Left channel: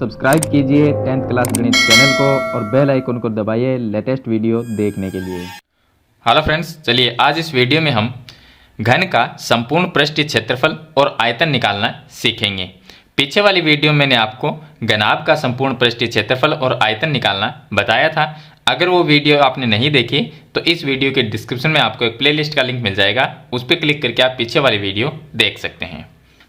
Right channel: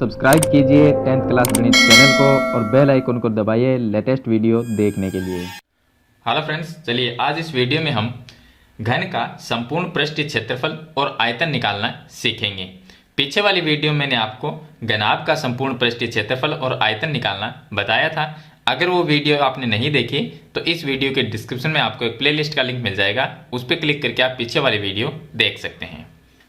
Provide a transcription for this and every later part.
Subscribe कीजिए 10th class गणित channel को और बेल आइकन को दबाइए लेटेस्ट वीडियो देखने के लिए। हेलो फ्रेंड्स, चलिए आज इस वीडियो में हम घन का संपूर्ण पृष्ठीय क्षेत्रफल और आयतन निकालना सीखेंगे। पीछे वाली वीडियो में मैंने आपको घनाभ का संपूर्ण पृष्ठीय क्षेत्रफल और आयतन निकालना बताया था। अगर वो वीडियो आपने नहीं देखी तो इस वीडियो के डिस्क्रिप्शन में आपको एक प्लेलिस्ट का लिंक मिल जाएगा, उस पर क्लिक करके आप पीछे वाली वीडियो देख सकते हैं।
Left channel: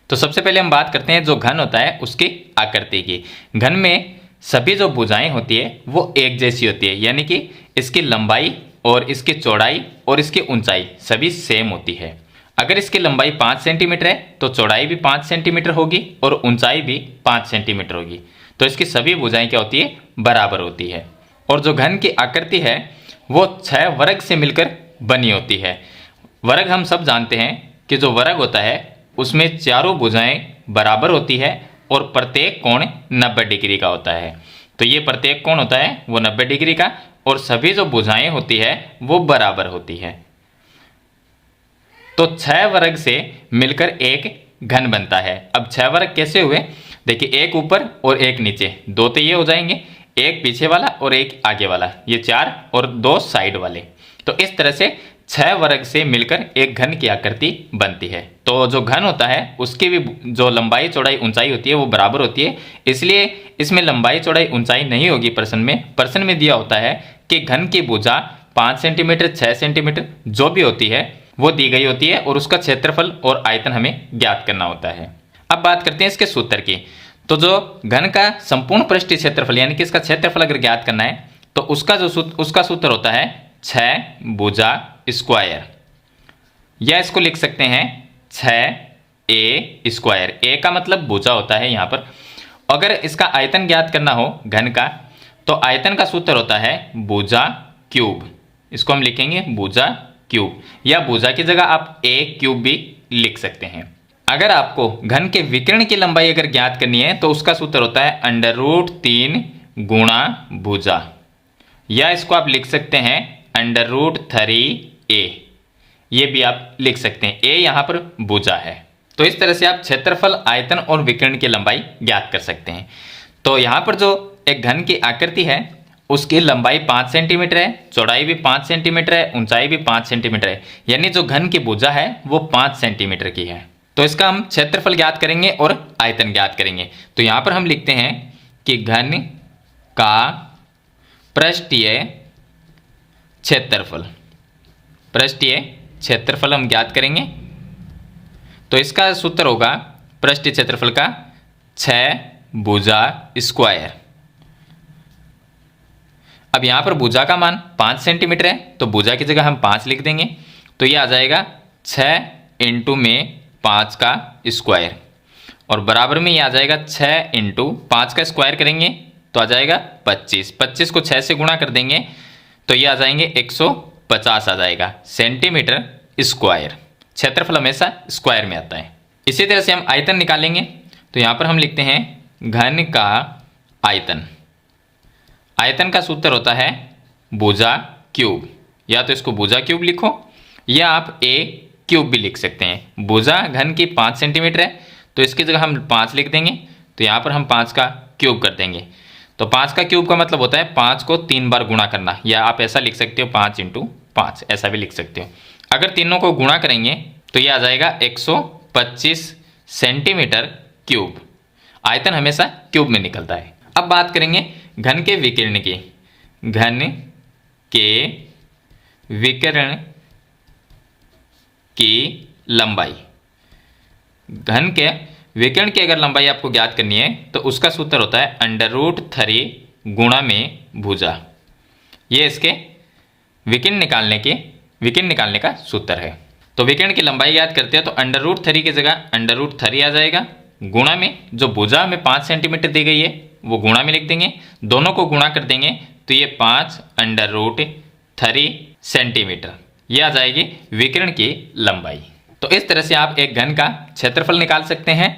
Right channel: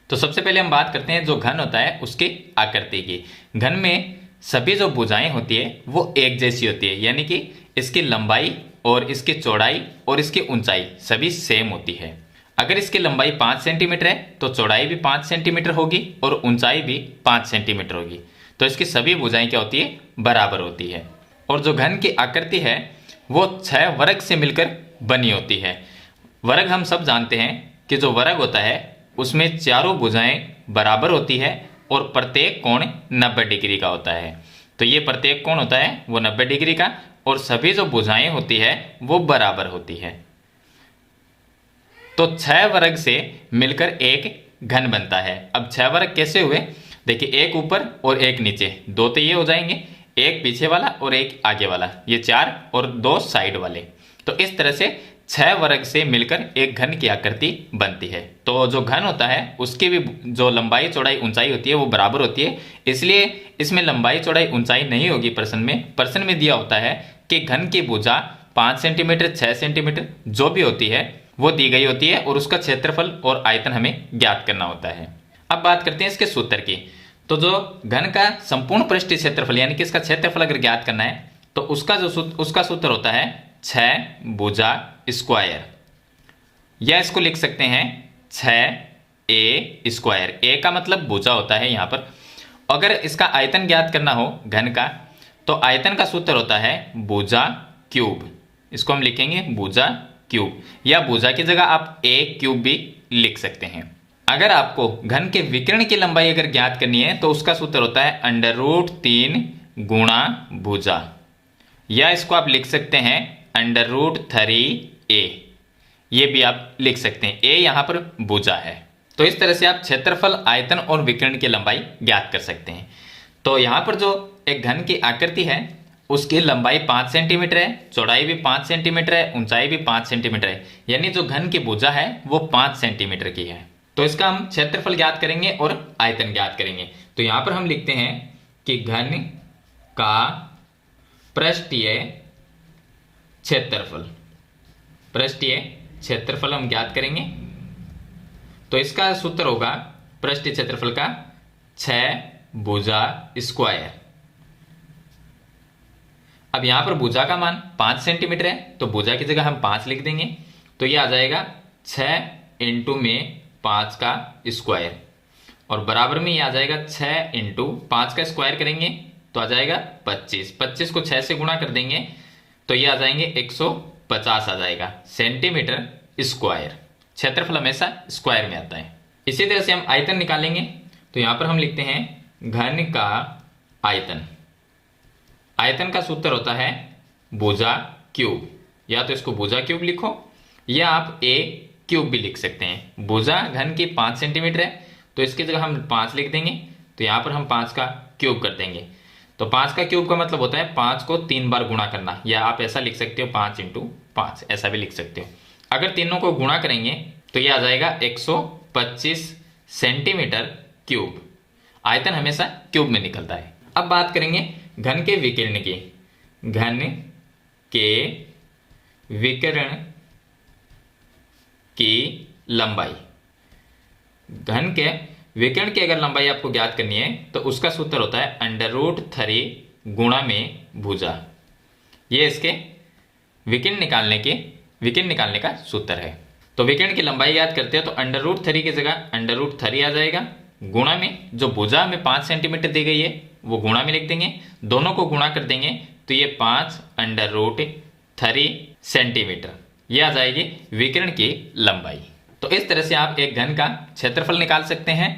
तो सबसे पहले हम बात करते हैं जो घन होता है उसकी आकृति की। घन में सभी जो भुजाएं होती है वो एक जैसी होती है, यानी कि इसकी लंबाई और इसकी चौड़ाई और इसकी ऊंचाई सभी सेम होती है। अगर इसकी लंबाई 5 सेंटीमीटर है तो चौड़ाई भी 5 सेंटीमीटर होगी और ऊंचाई भी 5 सेंटीमीटर होगी। तो इसकी सभी भुजाएं क्या होती है, बराबर होती है। और जो घन की आकृति है वो 6 वर्ग से मिलकर बनी होती है। वर्ग हम सब जानते हैं कि जो वर्ग होता है उसमें चारों भुजाएं बराबर होती है और प्रत्येक कोण 90 डिग्री का होता है। तो ये प्रत्येक कोण होता है वो 90 डिग्री का और सभी जो भुजाएं होती है वो बराबर होती है। तो 6 वर्ग से मिलकर एक घन बनता है। अब 6 वर्ग कैसे हुए, देखिए एक ऊपर और एक नीचे, दो तो ये हो जाएंगे, एक पीछे वाला और एक आगे वाला, ये 4 और 2 साइड वाले। तो इस तरह से 6 वर्ग से मिलकर एक घन की आकृति बनती है। तो जो घन होता है उसकी भी जो लंबाई चौड़ाई ऊंचाई होती है वो बराबर होती है, इसलिए इसमें लंबाई चौड़ाई ऊंचाई नहीं होगी। प्रश्न में दिया होता है कि घन की भुजा 5 सेंटीमीटर 6 सेंटीमीटर जो भी होती है वो दी गई होती है और उसका क्षेत्रफल और आयतन हमें ज्ञात करना होता है। अब बात करते हैं इसके सूत्र की। तो जो घन का संपूर्ण पृष्ठीय क्षेत्रफल यानी कि इसका क्षेत्रफल अगर ज्ञात करना है तो उसका सूत्र होता है 6 भुजा स्क्वायर, या इसको लिख सकते हैं 6a स्क्वायर। ए का मतलब भुजा होता है यहाँ पर। अगर इसका आयतन ज्ञात करना हो घन का तो आयतन का सूत्र होता है भुजा क्यूब। इसको हम लिखेंगे भुजा क्यूब, या भुजा की जगह आप a क्यूब भी लिख सकते हैं। अगर आपको घन के विकर्ण की लंबाई अगर ज्ञात करनी है तो उसका सूत्र होता है √3 गुणा भुजा, या इसको आप लिख सकते हैं √3a, ये भी आप लिख सकते हैं। a यहां पर भुजा है। तो इस तरह से आप क्षेत्रफल, आयतन और विकर्ण की लंबाई ज्ञात कर सकते हैं। तो यहां पर जो एक घन की आकृति है उसकी लंबाई 5 सेंटीमीटर है, चौड़ाई भी 5 सेंटीमीटर है, ऊंचाई भी 5 सेंटीमीटर है, यानी जो घन की भुजा है वो 5 सेंटीमीटर की है। तो इसका हम क्षेत्रफल ज्ञात करेंगे और आयतन ज्ञात करेंगे। तो यहां पर हम लिखते हैं कि घन का पृष्ठीय क्षेत्रफल, पृष्ठीय क्षेत्रफल हम ज्ञात करेंगे। तो इसका सूत्र होगा पृष्ठीय क्षेत्रफल का 6 भुजा स्क्वायर। अब यहां पर भुजा का मान 5 सेंटीमीटर है तो भुजा की जगह हम 5 लिख देंगे। तो ये आ जाएगा 6 इंटू में 5 का स्क्वायर, और बराबर में ये आ जाएगा 6 इंटू 5 का स्क्वायर करेंगे तो आ जाएगा 25। 25 को 6 से गुणा कर देंगे तो ये आ जाएंगे 150 आ जाएगा सेंटीमीटर स्क्वायर। क्षेत्रफल हमेशा स्क्वायर में आता है। इसी तरह से हम आयतन निकालेंगे। तो यहां पर हम लिखते हैं घन का आयतन। आयतन का सूत्र होता है भुजा क्यूब, या तो इसको भुजा क्यूब लिखो या आप a क्यूब भी लिख सकते हैं। भुजा घन की 5 सेंटीमीटर है तो इसकी जगह हम 5 लिख देंगे। तो यहां पर हम 5 का क्यूब कर देंगे। तो 5 का क्यूब का मतलब होता है 5 को 3 बार गुणा करना, या आप ऐसा लिख सकते हो 5 इंटू 5, ऐसा भी लिख सकते हो। अगर तीनों को गुणा करेंगे तो ये आ जाएगा 125 सेंटीमीटर क्यूब। आयतन हमेशा क्यूब में निकलता है। अब बात करेंगे घन के विकर्ण की। घन के विकर्ण की लंबाई, घन के विकर्ण की अगर लंबाई आपको ज्ञात करनी है तो उसका सूत्र होता है √3 गुणा में भुजा। ये इसके विकर्ण निकालने का सूत्र है। तो विकर्ण की लंबाई ज्ञात करते हैं तो √3 की जगह √3 आ जाएगा, गुणा में जो भुजा में 5 सेंटीमीटर दी गई है वो गुणा में लिख देंगे, दोनों को गुणा कर देंगे तो ये 5 √3 सेंटीमीटर, ये आ जाएगी विकर्ण की लंबाई। तो इस तरह से आप एक घन का क्षेत्रफल निकाल सकते हैं,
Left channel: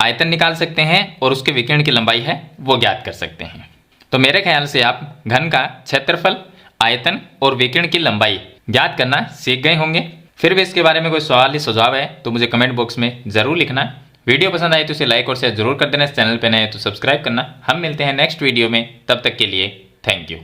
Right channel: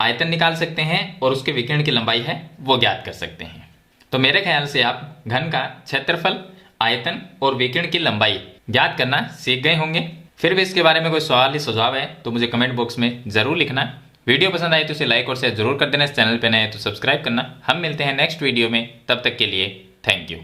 आयतन निकाल सकते हैं और उसके विकर्ण की लंबाई है वो ज्ञात कर सकते हैं। तो मेरे ख्याल से आप घन का क्षेत्रफल, आयतन और विकर्ण की लंबाई ज्ञात करना सीख गए होंगे। फिर भी इसके बारे में कोई सवाल या सुझाव है तो मुझे कमेंट बॉक्स में ज़रूर लिखना। वीडियो पसंद आए तो इसे लाइक और शेयर जरूर कर देना। इस चैनल पर नए हैं तो सब्सक्राइब करना। हम मिलते हैं नेक्स्ट वीडियो में, तब तक के लिए थैंक यू।